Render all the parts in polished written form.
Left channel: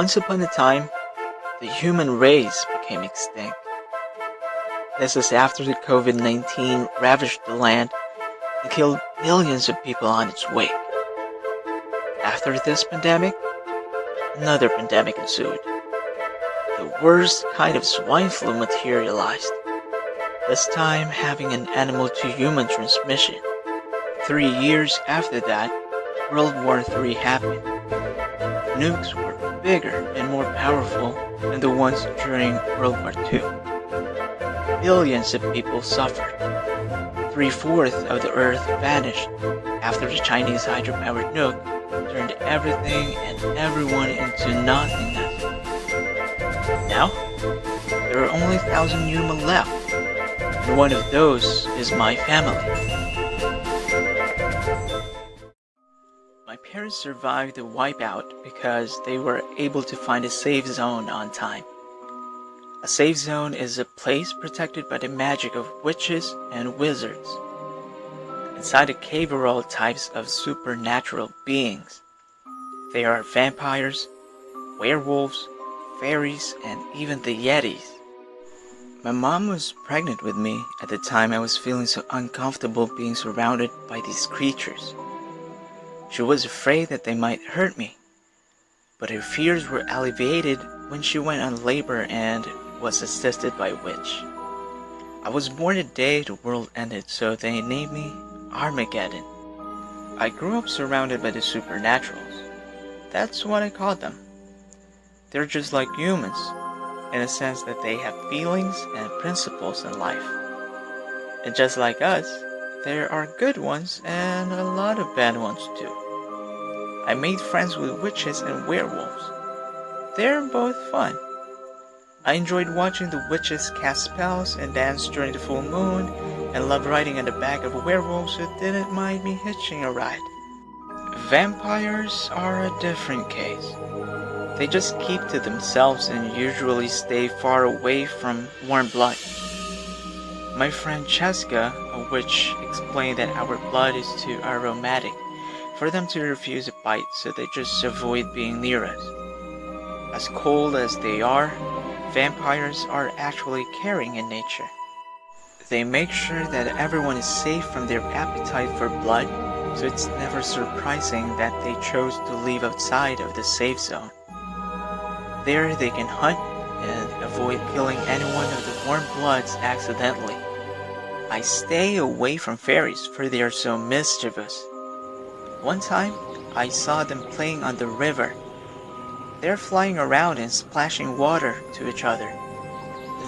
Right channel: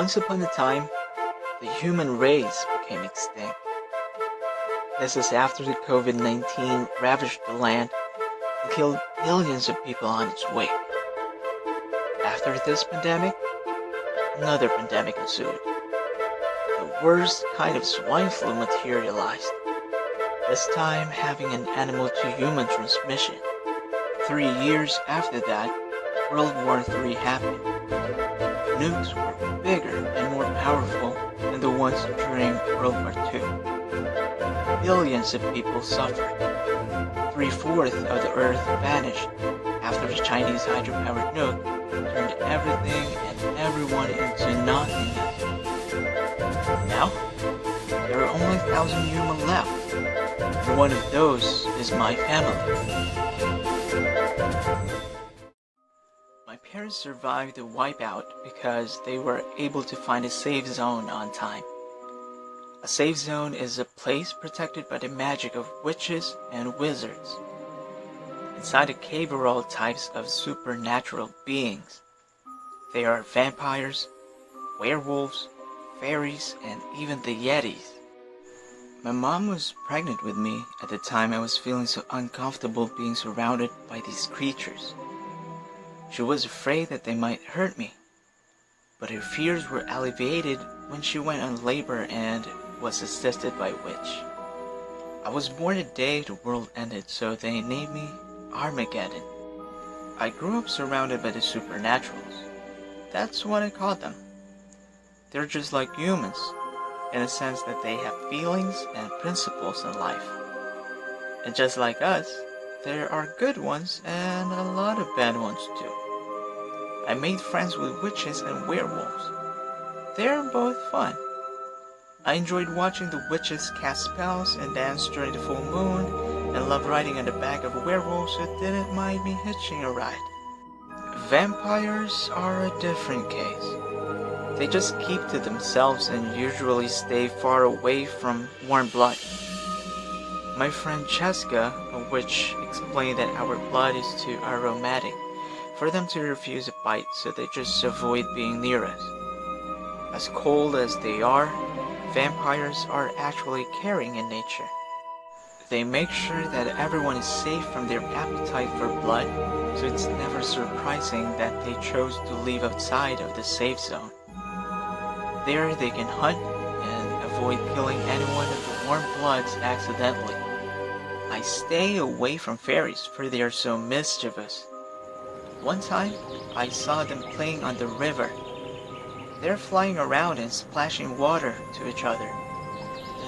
Once upon a time, the human race became extinct. This is after the COVID-19 ravaged the land and killed millions of people on its wake. After this pandemic, another pandemic ensued. The worst kind of swine flu materialized, this time having an animal-to-human transmission. 3 years after that, World War III happened. Nukes were bigger and more powerful than the ones during World War II. Billions of people suffered. 3/4 of the Earth vanished after the Chinese hydropowered nuke turned everything and everyone into nothingness. Now, there are only 1,000 humans left, and one of those is my family. My parents survived the wipeout because they were able to find a safe zone on time. A safe zone is a place protected by the magic of witches and wizards. Inside the cave are all types of supernatural beings. There are vampires, werewolves, fairies, and even the yetis. My mom was pregnant with me at the time I was feeling so uncomfortable being surrounded by these creatures. She was afraid that they might hurt me, but her fears were alleviated when she went on labor and was assisted by a witch. I was born the day the world ended, so they named me Armageddon. I grew up surrounded by the supernaturals. That's what I call them. They're just like humans, in a sense that they have feelings and principles in life. And just like us, there are good ones and a lot of bad ones too. I made friends with witches and werewolves. They're both fun. I enjoyed watching the witches cast spells and dance during the full moon, and loved riding on the back of werewolves who didn't mind me hitching a ride. Vampires are a different case. They just keep to themselves and usually stay far away from warm blood. My friend Cheska, a witch, explained that our blood is too aromatic for them to refuse a bite, so they just avoid being near us. As cold as they are, vampires are actually caring in nature. They make sure that everyone is safe from their appetite for blood, so it's never surprising that they chose to live outside of the safe zone. There they can hunt and avoid killing anyone of the warm bloods accidentally. I stay away from fairies for they are so mischievous. One time, I saw them playing on the river. They're flying around and splashing water to each other.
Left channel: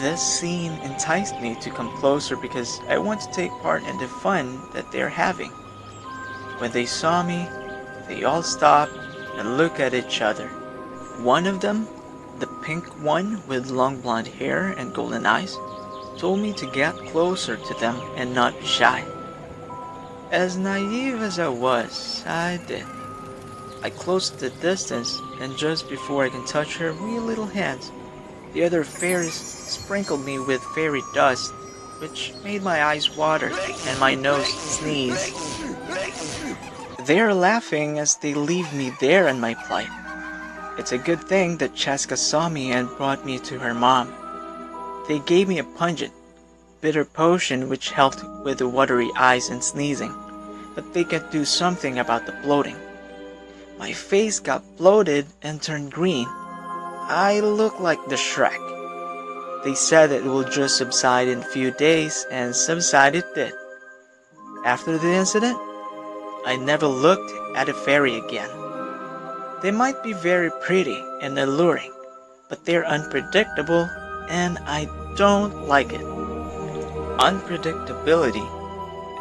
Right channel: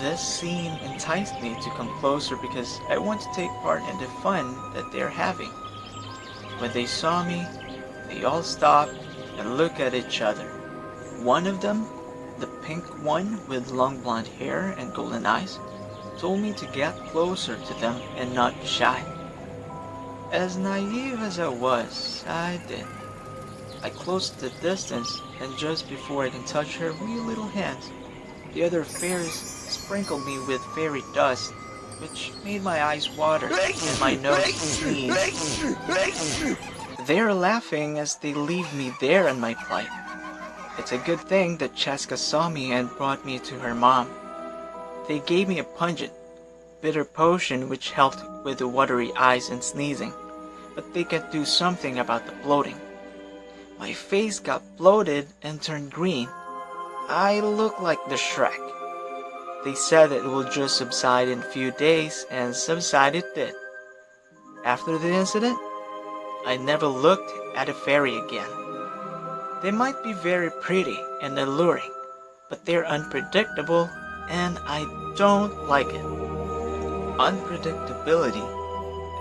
This scene enticed me to come closer because I want to take part in the fun that they're having. When they saw me, they all stopped and looked at each other. One of them, the pink one with long blonde hair and golden eyes, told me to get closer to them and not be shy. As naive as I was, I did. I closed the distance, and just before I can touch her wee little hands, the other fairies sprinkled me with fairy dust, which made my eyes water and my nose sneeze. They are laughing as they leave me there in my plight. It's a good thing that Cheska saw me and brought me to her mom. They gave me a pungent, bitter potion which helped with the watery eyes and sneezing, but they could do something about the bloating. My face got bloated and turned green. I looked like the Shrek. They said that it will just subside in a few days, and subside it did. After the incident, I never looked at a fairy again. They might be very pretty and alluring, but they're unpredictable, and I don't like it. Unpredictability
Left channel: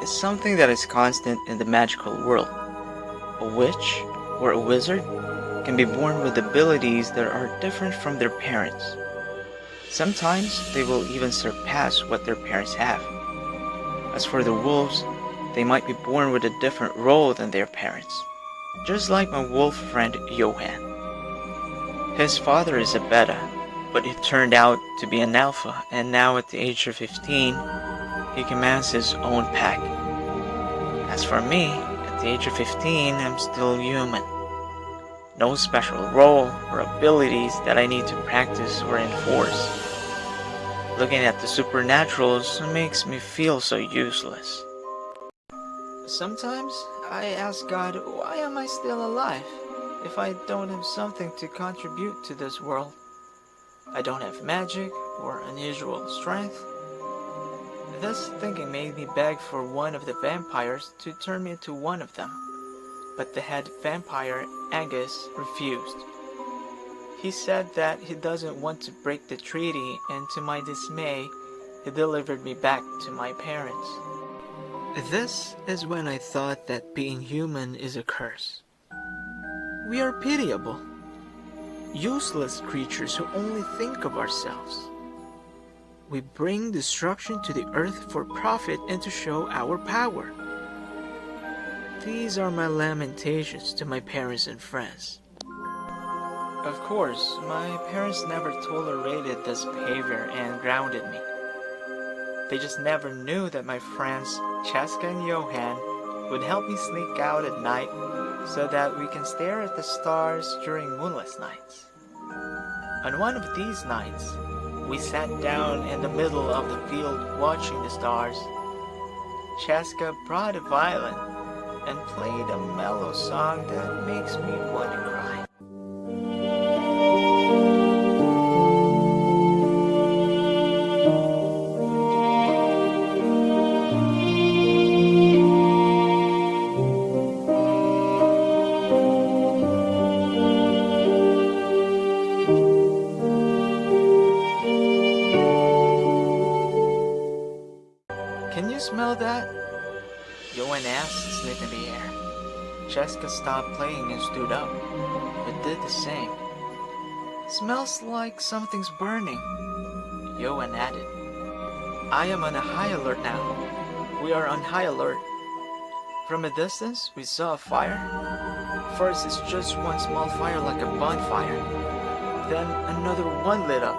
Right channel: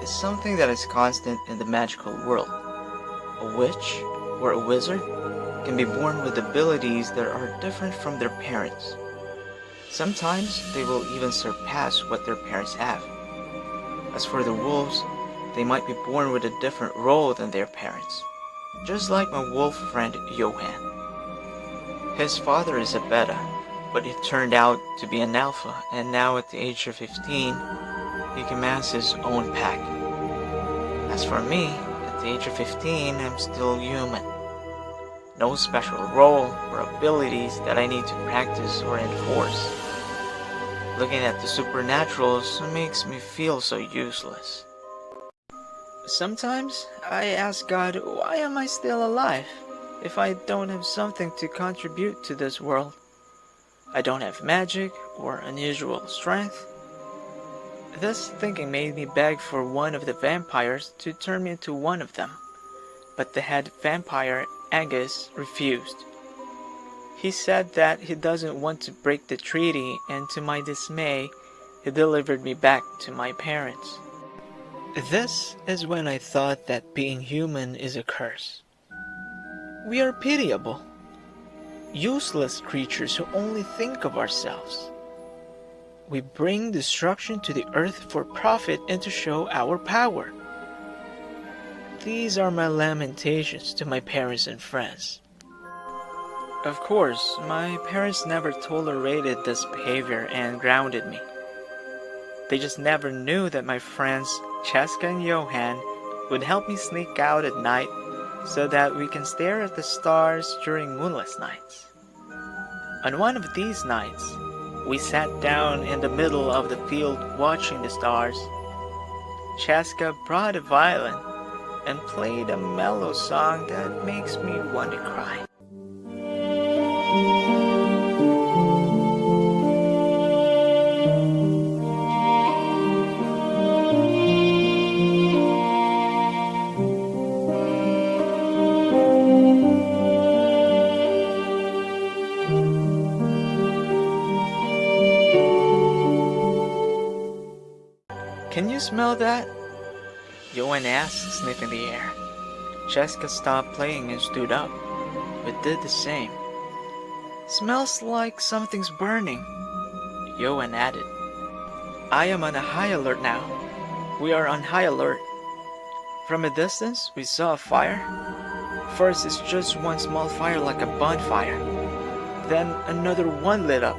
is something that is constant in the magical world. A witch or a wizard can be born with abilities that are different from their parents. Sometimes they will even surpass what their parents have. As for the wolves, they might be born with a different role than their parents, just like my wolf friend Johan. His father is a beta, but it turned out to be an alpha, and now at the age of 15, he commands his own pack. As for me, at the age of 15, I'm still human. no special role or abilities that I need to practice or enforce. Looking at the supernaturals makes me feel so useless. Sometimes I ask God, why am I still alive if I don't have something to contribute to this world? I don't have magic or unusual strength. This thinking made me beg for one of the vampires to turn me into one of them, but the head vampire, Angus, refused. He said that he doesn't want to break the treaty, and to my dismay, he delivered me back to my parents. This is when I thought that being human is a curse. We are pitiable, useless creatures who only think of ourselves. We bring destruction to the earth for profit and to show our power. These are my lamentations to my parents and friends. Of course, my parents never tolerated this behavior and grounded me. They just never knew that my friends, Cheska and Johan, would help me sneak out at night so that we can stare at the stars during moonless nights. On one of these nights, we sat down in the middle of the field watching the stars. Cheska brought a violin and played a mellow song that makes me want to cry. Can you smell that? Johan asked, sniffing the air. Cheska stopped playing and stood up. It did the same. Smells like something's burning, Johan added. I am on a high alert now. We are on high alert. From a distance, we saw a fire. First, it's just one small fire like a bonfire. Then another one lit up,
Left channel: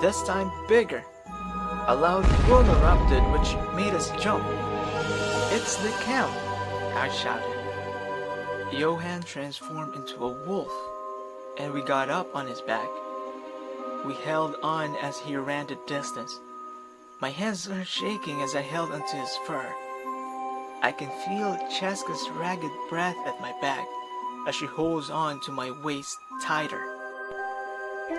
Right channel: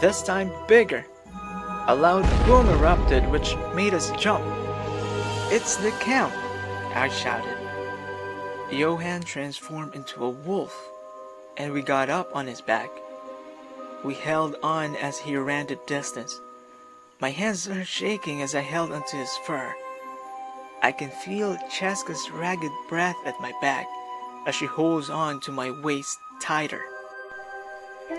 this time bigger. A loud boom erupted, which made us jump. It's the camp, I shouted. Johan transformed into a wolf, and we got up on his back. We held on as he ran the distance. My hands are shaking as I held onto his fur. I can feel Cheska's ragged breath at my back as she holds on to my waist tighter.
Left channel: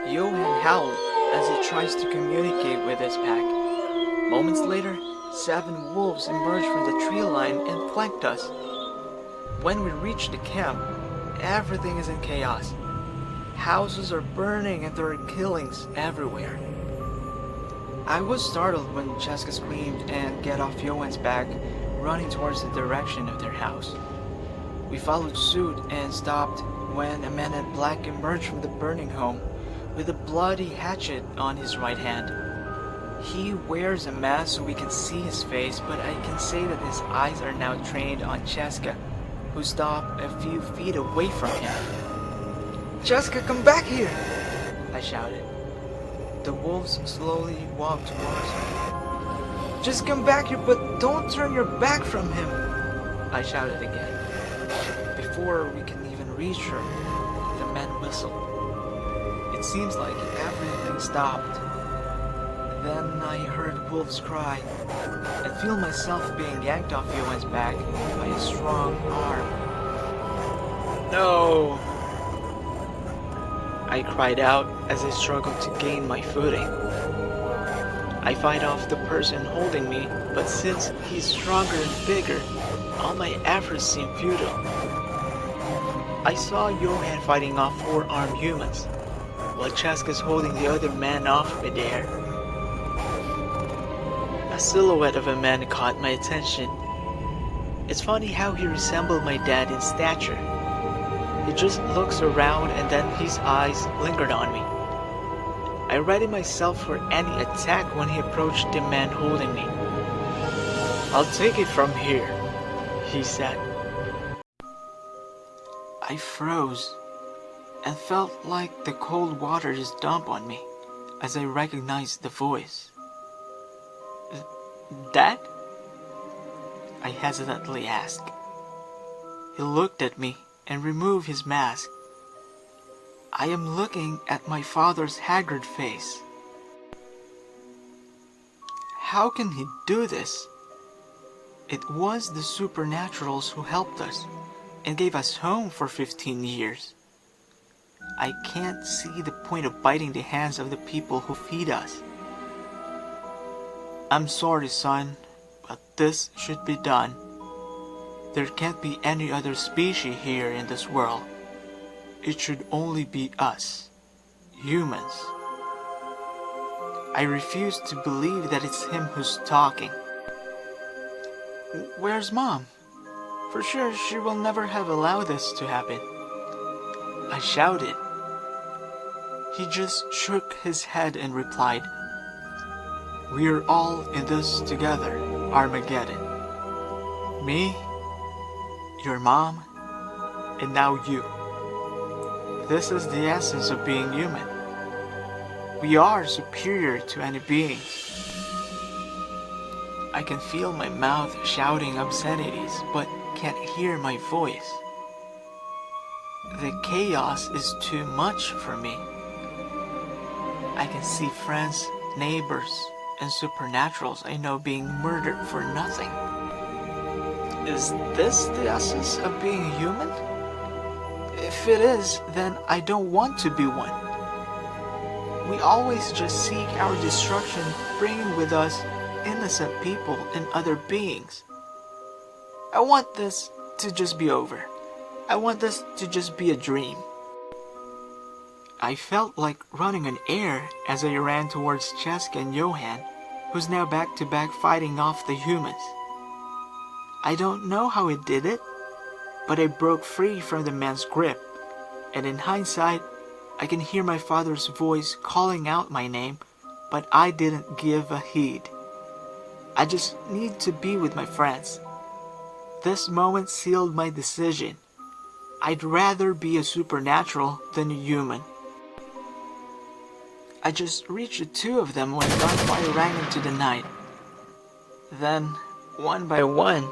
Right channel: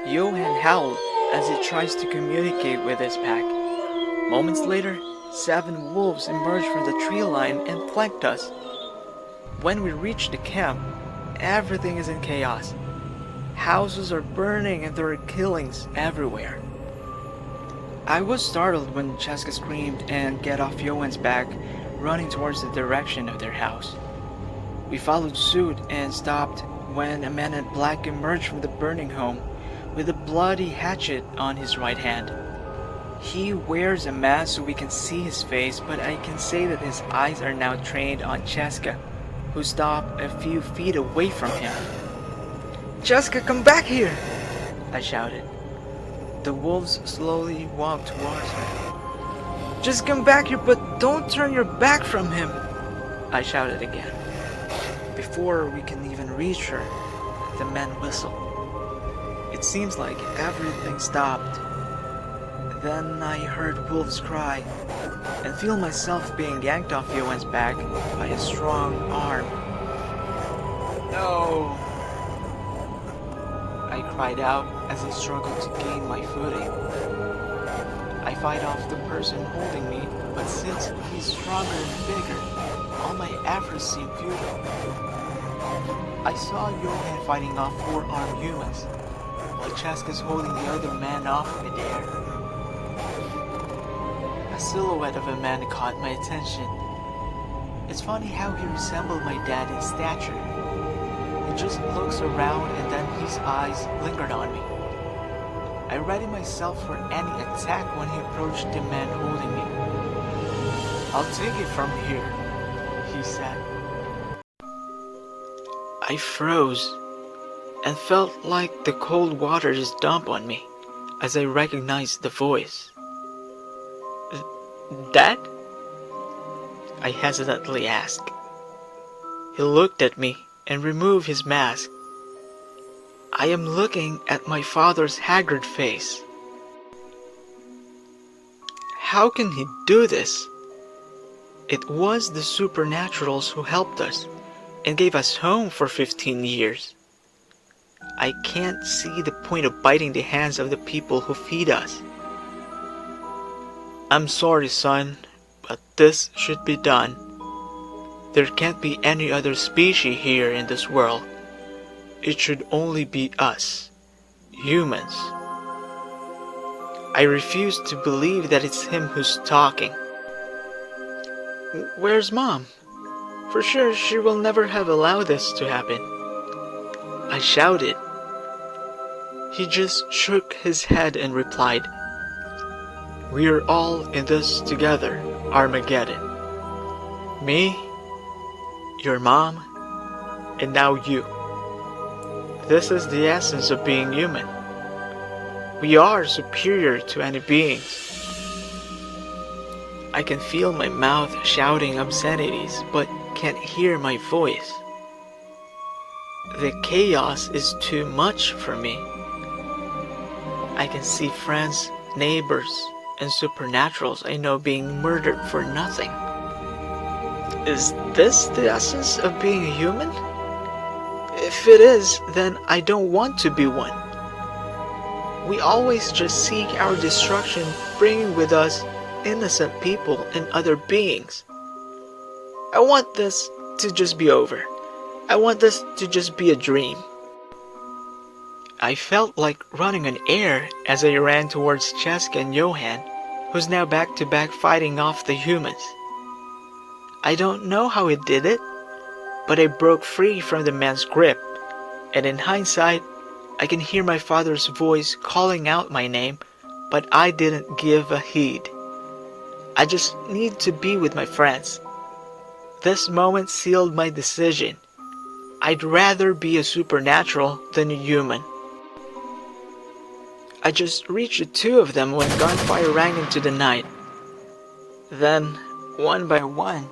Johan howled as he tries to communicate with his pack. Moments later, 7 wolves emerged from the tree line and flanked us. When we reached the camp, everything is in chaos. Houses are burning and there are killings everywhere. I was startled when Cheska screamed and get off Johan's back, running towards the direction of their house. We followed suit and stopped when a man in black emerged from the burning home with a bloody hatchet on his right hand. He wears a mask so we can see his face, but I can say that his eyes are now trained on Cheska, who stopped a few feet away from him. Cheska, come back here! I shouted. The wolves slowly walked towards me. Just come back here, but don't turn your back from him! I shouted again. Before we can even reach her, the man whistled. It seems like everything stopped. Then I heard wolves cry and feel myself being yanked off Johan's back by a strong arm. No! I cried out as I struggled to gain my footing. I fight off the person holding me, but since he's stronger and bigger, all my efforts seem futile. I saw Johan fighting off 4 armed humans, while Cheska's holding the other man off midair. A silhouette of a man caught my attention. It's funny how he resembled my dad in stature. He just looks around and then his eyes lingered on me. I readied myself for any attack when he approached the man holding me. I'll take it from here, he said. I froze and felt like the cold water just dumped on me as I recognized the voice. Dad? I hesitantly asked. He looked at me and removed his mask. I am looking at my father's haggard face. How can he do this? It was the supernaturals who helped us and gave us home for 15 years. I can't see the point of biting the hands of the people who feed us. I'm sorry, son, but this should be done. There can't be any other species here in this world. It should only be us, humans. I refuse to believe that it's him who's talking. Where's Mom? For sure she will never have allowed this to happen. I shouted. He just shook his head and replied, "We're all in this together, Armageddon. Me, your mom, and now you. This is the essence of being human. We are superior to any beings." I can feel my mouth shouting obscenities, but can't hear my voice. The chaos is too much for me. I can see friends, neighbors, and supernaturals I know being murdered for nothing. Is this the essence of being a human? If it is, then I don't want to be one. We always just seek our destruction, bringing with us innocent people and other beings. I want this to just be over. I want this to just be a dream. I felt like running on air as I ran towards Cheska and Johan, who's now back to back fighting off the humans. I don't know how he did it, but I broke free from the man's grip, and in hindsight, I can hear my father's voice calling out my name, but I didn't give a heed. I just need to be with my friends. This moment sealed my decision. I'd rather be a supernatural than a human. I just reached the two of them when gunfire rang into the night. Then, one by one,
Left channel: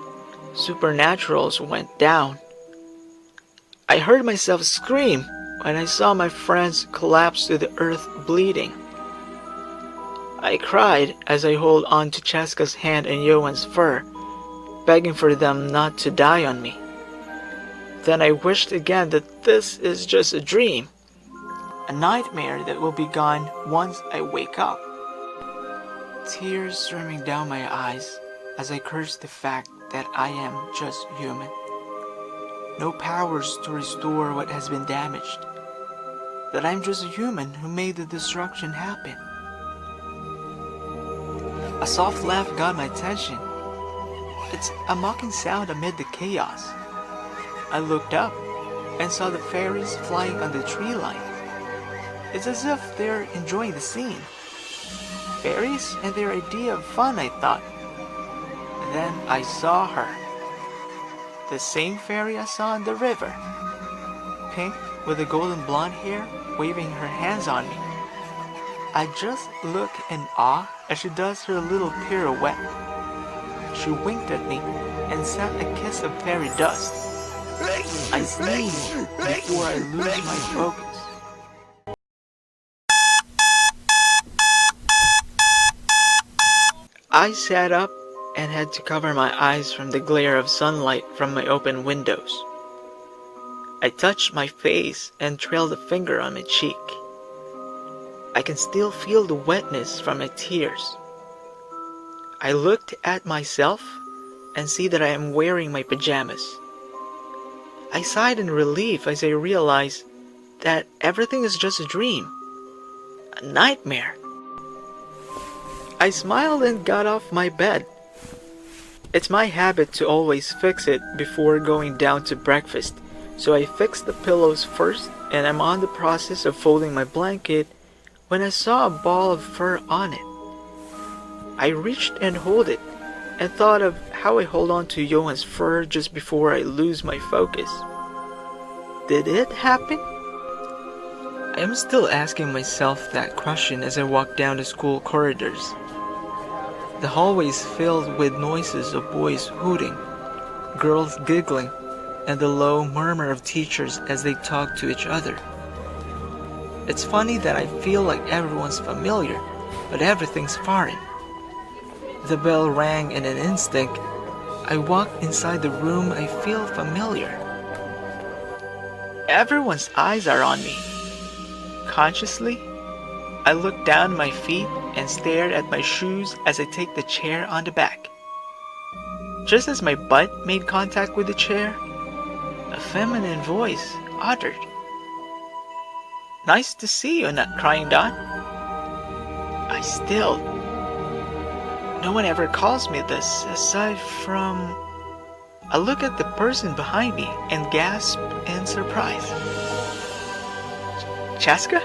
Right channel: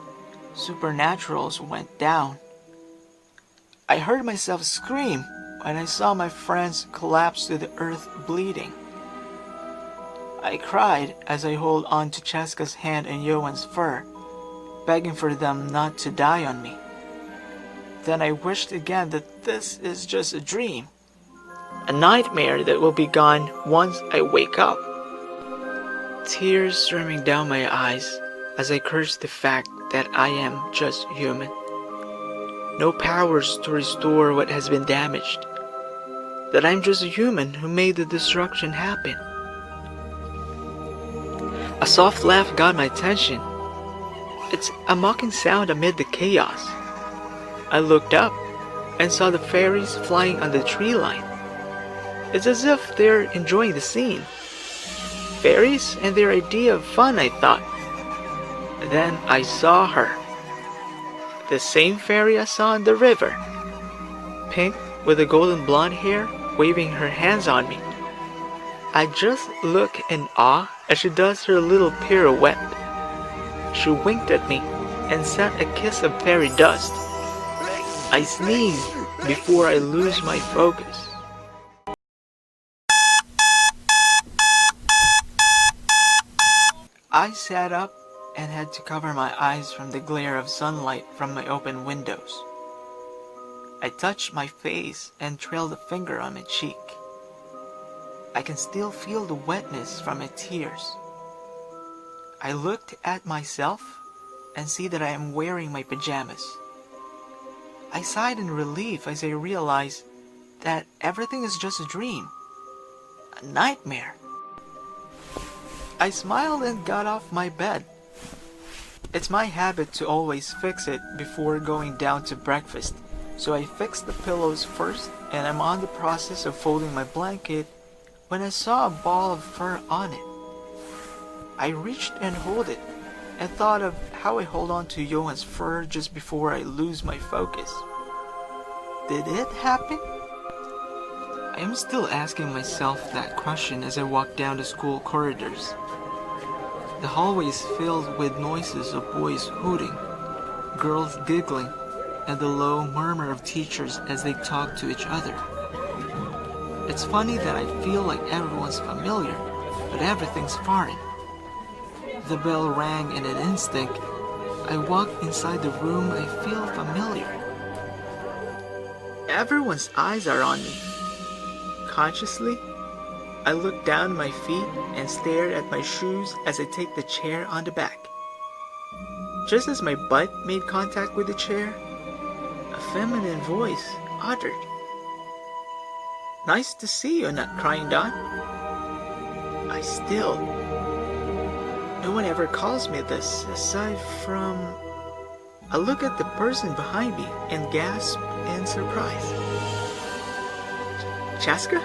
supernaturals went down. I heard myself scream when I saw my friends collapse to the earth bleeding. I cried as I held on to Cheska's hand and Johan's fur, begging for them not to die on me. Then I wished again that this is just a dream, a nightmare that will be gone once I wake up. Tears streaming down my eyes as I cursed the fact that I am just human. No powers to restore what has been damaged. That I'm just a human who made the destruction happen. A soft laugh got my attention. It's a mocking sound amid the chaos. I looked up and saw the fairies flying on the tree line. It's as if they're enjoying the scene. Fairies and their idea of fun, I thought. Then I saw her. The same fairy I saw in the river. Pink with the golden blonde hair, waving her hands on me. I just look in awe as she does her little pirouette. She winked at me and sent a kiss of fairy dust. I sneezed before I lose my focus. I sat up and had to cover my eyes from the glare of sunlight from my open windows. I touched my face and trailed a finger on my cheek. I can still feel the wetness from my tears. I looked at myself and see that I am wearing my pajamas. I sighed in relief as I realized that everything is just a dream, a nightmare. I smiled and got off my bed. It's my habit to always fix it before going down to breakfast, so I fixed the pillows first and I'm on the process of folding my blanket when I saw a ball of fur on it. I reached and held it and thought of how I hold on to Johan's fur just before I lose my focus. Did it happen? I am still asking myself that question as I walk down the school corridors. The hallway is filled with noises of boys hooting, girls giggling, and the low murmur of teachers as they talk to each other. It's funny that I feel like everyone's familiar, but everything's foreign. The bell rang in an instinct. I walk inside the room. I feel familiar. Everyone's eyes are on me. Consciously, I look down my feet and stare at my shoes as I take the chair on the back. Just as my butt made contact with the chair, a feminine voice uttered, "Nice to see you, not crying Don." I still. No one ever calls me this aside from. I look at the person behind me and gasp in surprise. Chaska?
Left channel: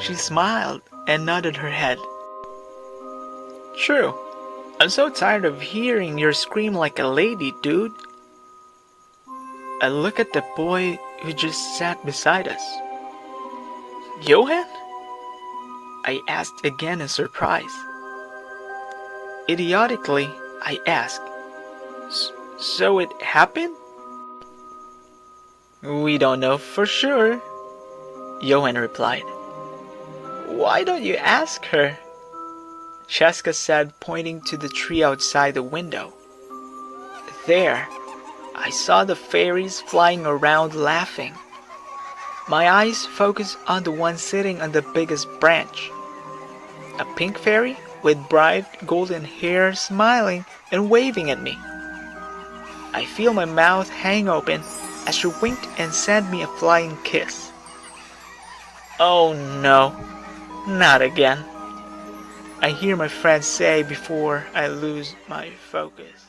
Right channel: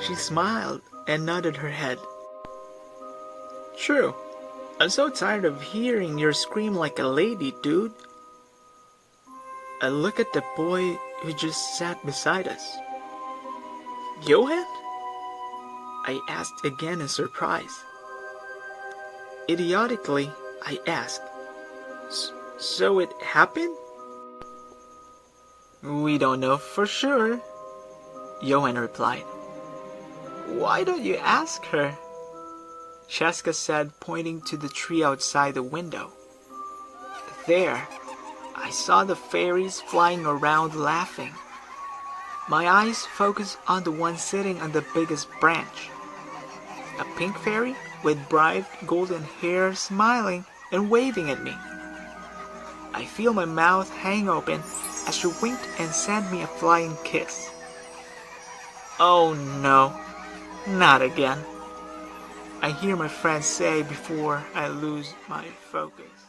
She smiled and nodded her head. True. I'm so tired of hearing your scream like a lady, dude. I look at the boy who just sat beside us. Johan? I asked again in surprise. Idiotically, I asked, So it happened? We don't know for sure, Johan replied. Why don't you ask her? Chaska said, pointing to the tree outside the window. There, I saw the fairies flying around laughing. My eyes focused on the one sitting on the biggest branch. A pink fairy with bright golden hair smiling and waving at me. I feel my mouth hang open as she winked and sent me a flying kiss. Oh no, not again, I hear my friend say before I lose my focus.